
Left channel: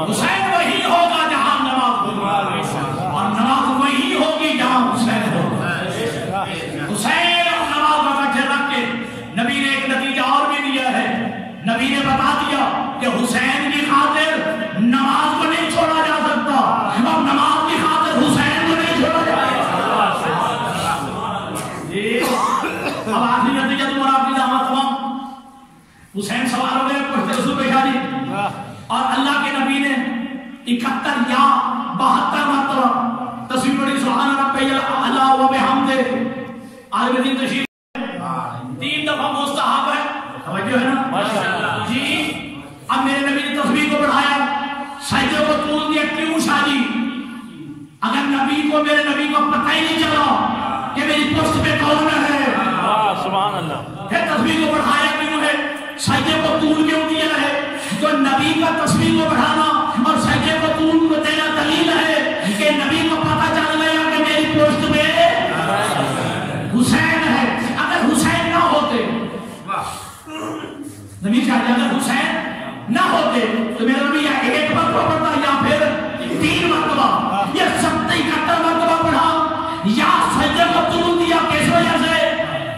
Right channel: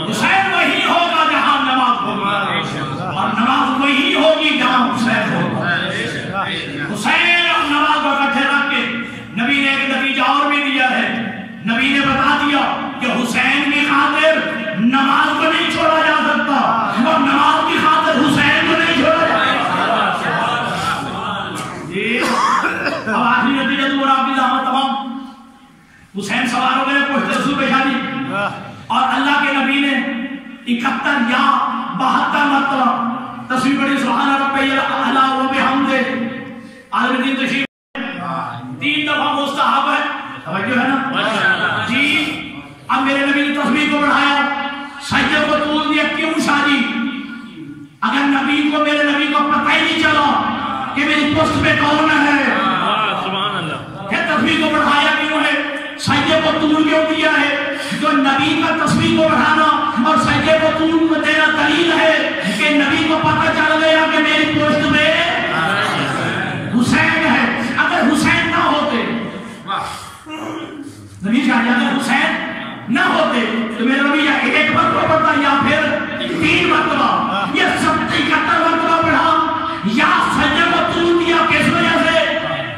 حسین وہی ہوگا جہاں نماز ہوگا اور نماز وہی ہوگی جہاں حسین ہوگا. حسین اور نماز کو اکٹھے رکھ کے نبی نے ایک نتیجہ اور بھی دیا ہے. نبی نے بتا دیا کہ حسین کی خاطر نماز کو نہیں چھوڑا جا سکتا اور نماز کی خاطر حسین کو نہیں چھوڑا جائے گا. اب آخری نتیجہ تو آپ کی دعوت تمام. حسین سوار ہو گئے پشت رسول پیشانی، اور اللہ کے نبی نے 71 یا 72 مرتبہ تصویر پڑھی سبحان ربی الاعلی و بحمدہ. عالم دین تشریف 3 دفعہ مستحب ہے، توجہ ہے نا جی. اب میرے نبی نے تصویر کو بڑھایا، سجدے کو طول دیا. کیوں شادی؟ اگر نبی کو میرے نبی کو پتہ ہی نہیں چلا کہ میری پشت پہ کون ہے، سبحان اللہ. پھر تصویر کو بڑھایا کیوں ہے؟ سجدے کو طول کیوں دیا ہے؟ تو نبی کا تصویر کو بڑھانا اور سجدے کو طول دینا دلیل ہے کہ نبی کو پتہ چل گیا کہ میری پشت میں حسین نبی چاہیے اگر حسین نہ ہوتے تو میرے نبی یا ایک مرتبہ پڑھتا یا پھر 3 مرتبہ یا 71 مرتبہ پڑھا یا سجدے کو طول دیا. کس وجہ سے؟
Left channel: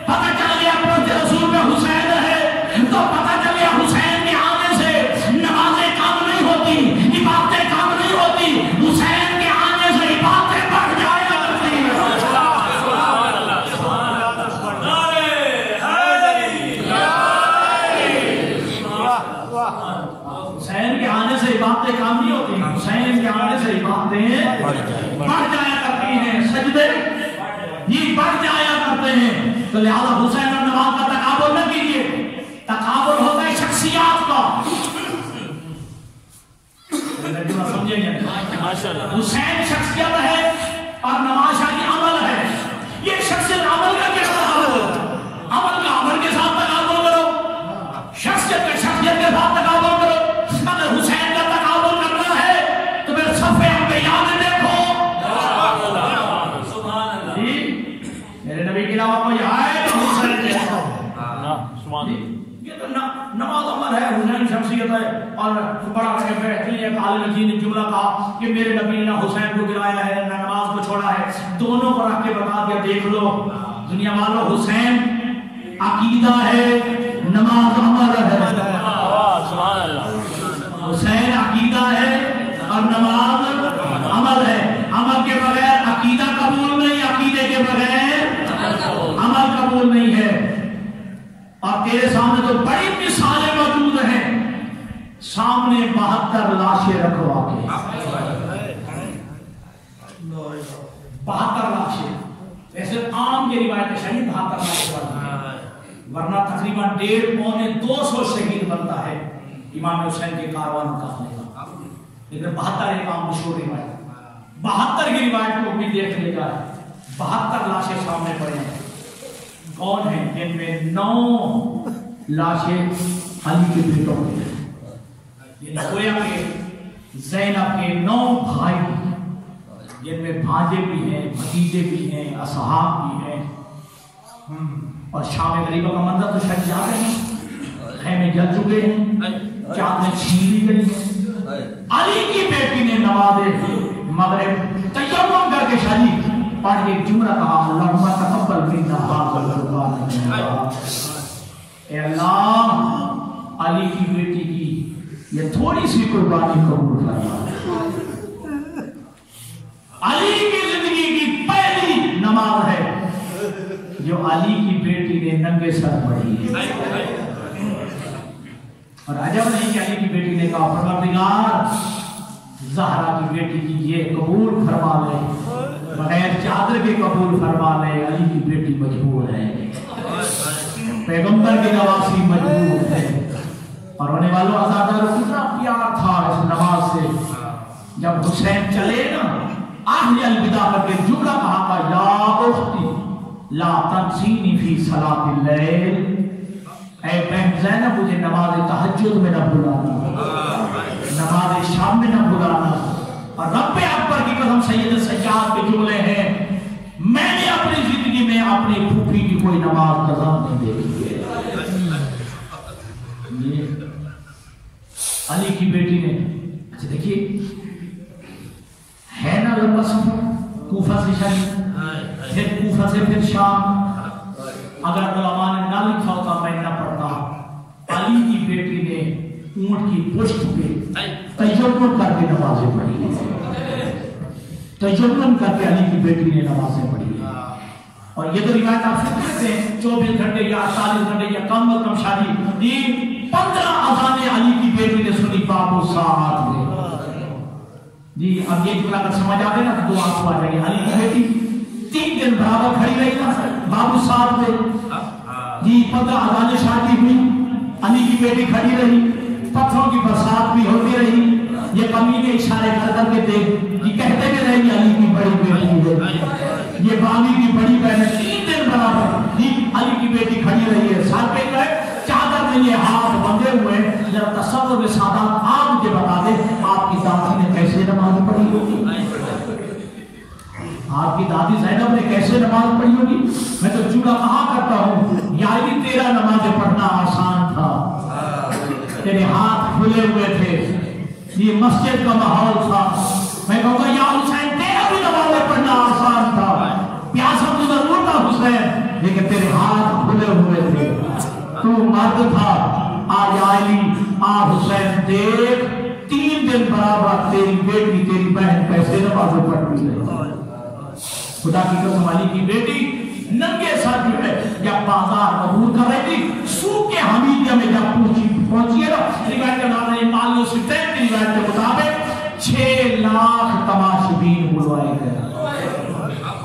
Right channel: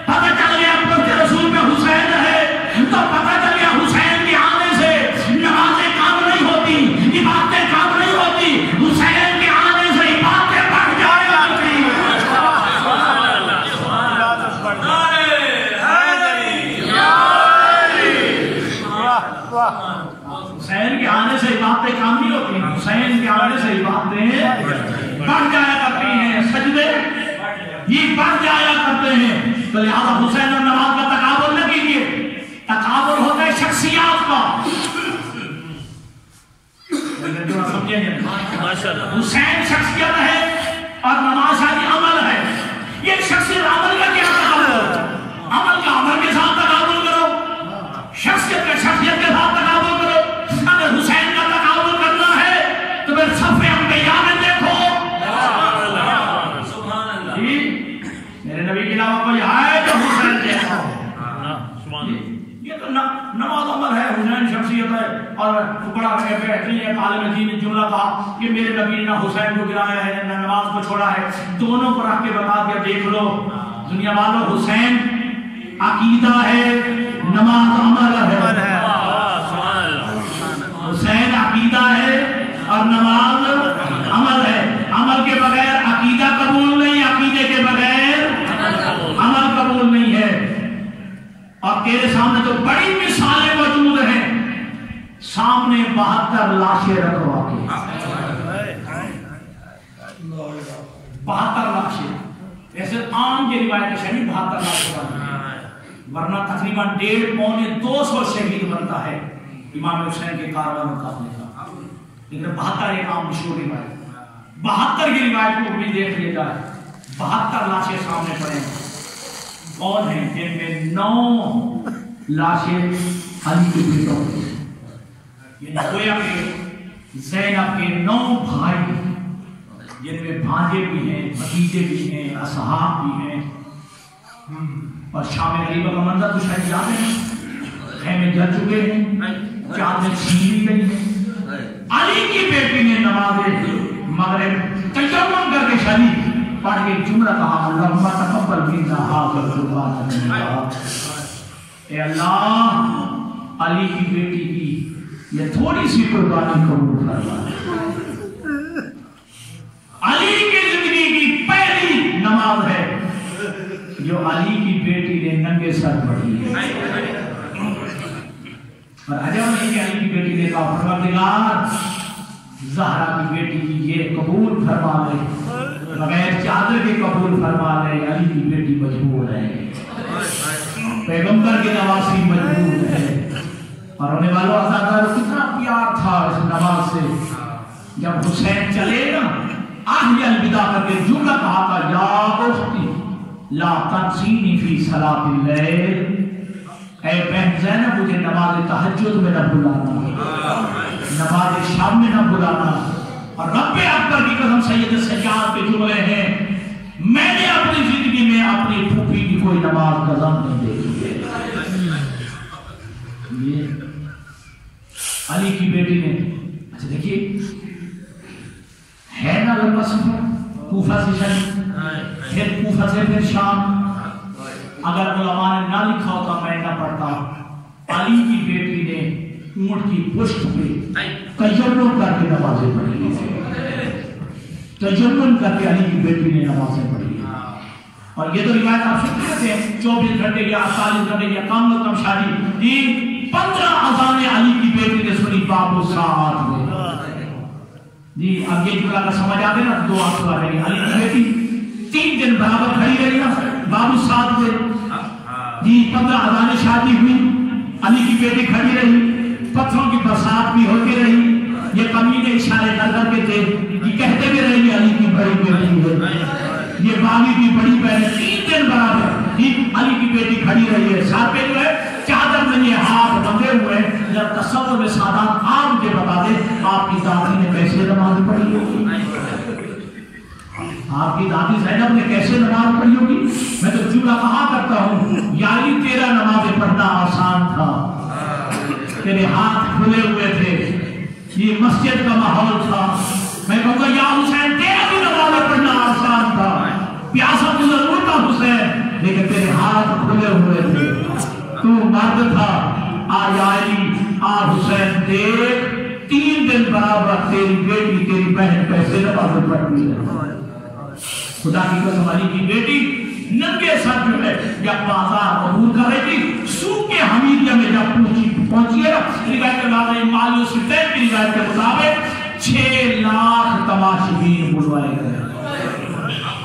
پتہ چل گیا پڑھتے رسول میں حسین ہے تو پتہ چل گیا حسین کے آنے سے نمازیں کام نہیں ہوتی, عبادتیں کام نہیں ہوتی, حسین کے آنے سے عبادتیں بڑھ جایا کرتی ہیں. حسین کے آنے سے عبادتیں کام نہیں ہوتی, حسین کے آنے سے عبادتیں بڑھ جایا کرتی ہیں, سجدے یہ بڑھ جایا کرتے ہیں. تو لہذا حسین اور نماز کا تقابل نہ کیجیے, تقابل ہوتا ہے شخصیات کا. حسین شخصیت ہے اور نماز شادی عمل ہے. یہ شخصیت عمل کا کیا تقابل؟ عمل کا عمل کے ساتھ تقابل کرو, شخصیت کا شخصیت کے ساتھ تقابل کرو. اگر حسین کا تقابل کرنا ہے تو پھر صف انبیاء میں دیکھو. میرے نبی کے علاوہ کوئی آئے تو حسین دیکھو. یہ تو نماز عمل ہے, حسین شخصیت ہے. اور بڑا بہترین ایک عالم دین نے جملہ کہا کہ میرے نبی نے نہ حسین کو گرایا ہے نہ نماز کو چھوڑا ہے, دونوں کو رکھ کے بتا دیا دیکھ لو. دنیا والوں حسین عقیدہ ہے, نماز عمل ہے. حسین عقیدہ ہے اور نماز عمل ہے. عمل کے بغیر عقیدہ قبول نہیں, عقیدے کے بغیر عمل قبول نہیں ہے. اور تیرے سامنے تو بڑی مثالیں موجود ہیں. سامنے 72 لاشیں رکھوا کے, 72 لاشیں. ایسے عام کی روایت شہید 72 لاشیں, ورنہ تقریباً 150-200 شہید بنتا ہے امام حسین کے کاروان مقابلے کا. لیکن 72 ایک عام مشہور روایت, 72 کی روایت کو بھی دیکھ لے جائے. 72 لاشیں سامنے پڑے ہیں. کون ہیں؟ جن میں 9 لاشیں علی کے بیٹوں میں, یہ نویا کے زینب کے 9 بھائی, جن میں بھانجے بھی ہیں, بھتیجے بھی ہیں, اصحاب بھی ہیں. اور شام غریبہ کا منظر تو شاید یاد ہے, خیمے جل چکے ہیں, چادریں چھین لی گئی ہیں. علی کی بیٹی نے نماز مغرب تیمم کر کے شریف پڑھ کے جملہ کہا, اللہم تقبل منا هذا القربان. اے اللہ, علی کی بیٹی کی یہ تھوڑی سی قربانی قبول فرما. علی کی زندگی کی پہلی نماز ہے جو علی کی بیٹی نے ننگے سر پڑھی. اور عجب نہیں کہ علی کی بیٹی نے کہا پروردگار زہرا کی بیٹی کی یہ قبول فرما لے, بغیر چادر کے قبول فرما لے. علی کی بیٹی مجبور ہے, پیغمبر کے نواسی مجبور ہے. اور ہونے والوں آزادار کتنا پیار تھا اس نماز سے. جب حسین چلے گا آہی الوداع کر کے جملہ کہا تھا, یا اختی لا تنسینی فی صلاۃ اللیل, اے بہن زینب مجھے نماز تہجد میں نہ بلانا, نماز شام میں نہ بلانا. اور رب اکبر کی قسم سید سجاد کے جملے ہیں, میں نے اپنی زندگی میں اپنی پھوپھی کی کوئی نماز قضا نہیں دیکھی ہے. علی کی بیٹی نے, اچھا دیکھیے ہے نا لمبا سفر, کوفہ سے شام, پھر کوفہ سے پھر شام. اگر علماء نے نہ لکھا ہوتا میں نہ پڑھتا. علی کی بیٹی نے اونٹ کی پشت پہ تجربہ کر کے نمازیں پڑھی, تجربہ کر کے علی کی بیٹی نے نمازیں پڑھی. اور یہ تو روایت آپ سن سکتے ہیں 24 گھنٹے یا 48 گھنٹے یا کم و کم شادی 15 اذانیں علی کی بیٹی نے سنی بابو ساتھ میں. جی اب یہ جملہ اگر سمجھ آتے نا تو 2 آنسو آ جائے گی. علی کی بیٹی 3 دن برابر کھڑی رہی نا بابو ساتھ میں. جی 15 اذانیں شادی ہوئی, علی کی بیٹی کھڑی رہی, پتھروں کی برسات بھی ہوتی رہی. یہ کمینے اشارے کر کے تھے, یہ کہتے بھی رہی علی کی بڑی بیٹی ہے, یہ باغی کی بڑی بہن. 3 دن برابر علی کی بیٹی کھڑی رہی ہے. ساتھ پہ جو ہے چادر میں یہ ہاتھ بندھے ہوئے ہیں. تصور میں سادات آپ کے بتا دیں آپ کی دادی نے کیسے نماز پڑھی ہوگی, آپ کی دادی زینب نے کیسے نماز پڑھی ہوگی. میں تو جملہ کہا کرتا ہوں, یاری تیرا نماز پڑھنا آسان تھا, تیرے ہاتھ کھلے ہوئے تھے، یہ مسجد کا ماحول تھا، میں کہوں گا یا حسین تیرا بھی نماز پڑھنا آسان تھا، پیاسا تو ضرور تھا حسین، لیکن تیرے ہاتھ کھلے ہوئے تھے، تو مرد تھا۔ آج علی آ حسین دیکھ 3 دن برابر تیری بیٹی تیری بہن کیسے نماز پڑھتی ہے۔ خدا کی قسم علی کی بیٹی ننگے سر جو ہے جب بازار عبور کر رہی تھی، سوق کے حمیدیہ میں جب پہنچی ہے نا، روایت کے نام ہے مالیو سلطین کی روایت کے مطابق 6 لاکھ تماشبین بلوائے گئے،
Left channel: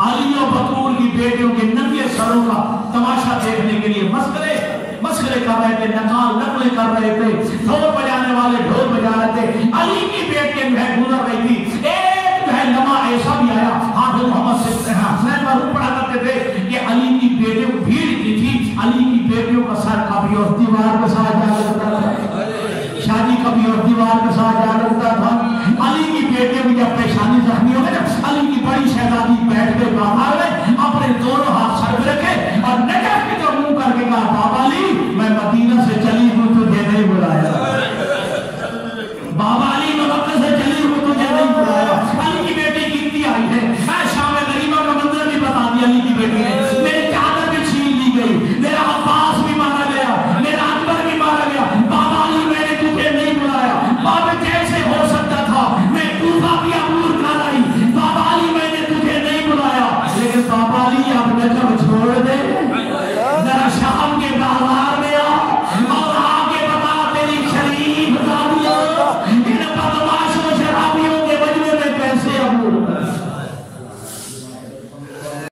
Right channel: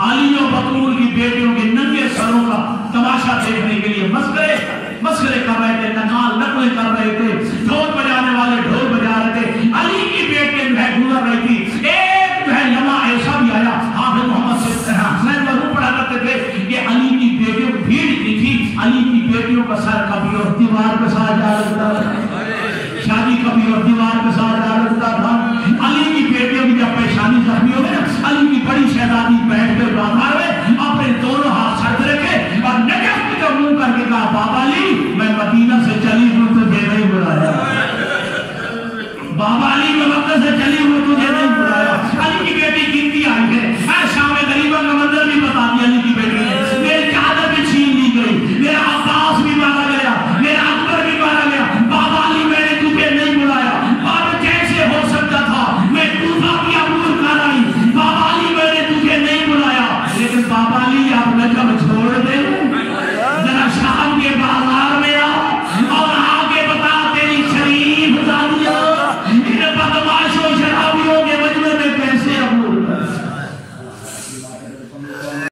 علی و بطول کی بیٹیوں کے ننگے سروں کا تماشا دیکھنے کے لیے مسخرے کر رہے تھے، نقال نقلیں کر رہے تھے، ڈھول بجانے والے ڈھول بجا رہے تھے، علی کی بیٹی جو ہے گزر رہی تھی، ایک جو ہے لمحہ ایسا بھی آیا، حافظ محمد حسین مرحوم پڑھا کرتے تھے کہ علی کی بیٹیوں کی بھیڑ اتنی تھی، علی کی بیٹیوں کا سر کبھی اور دیوار کے ساتھ جا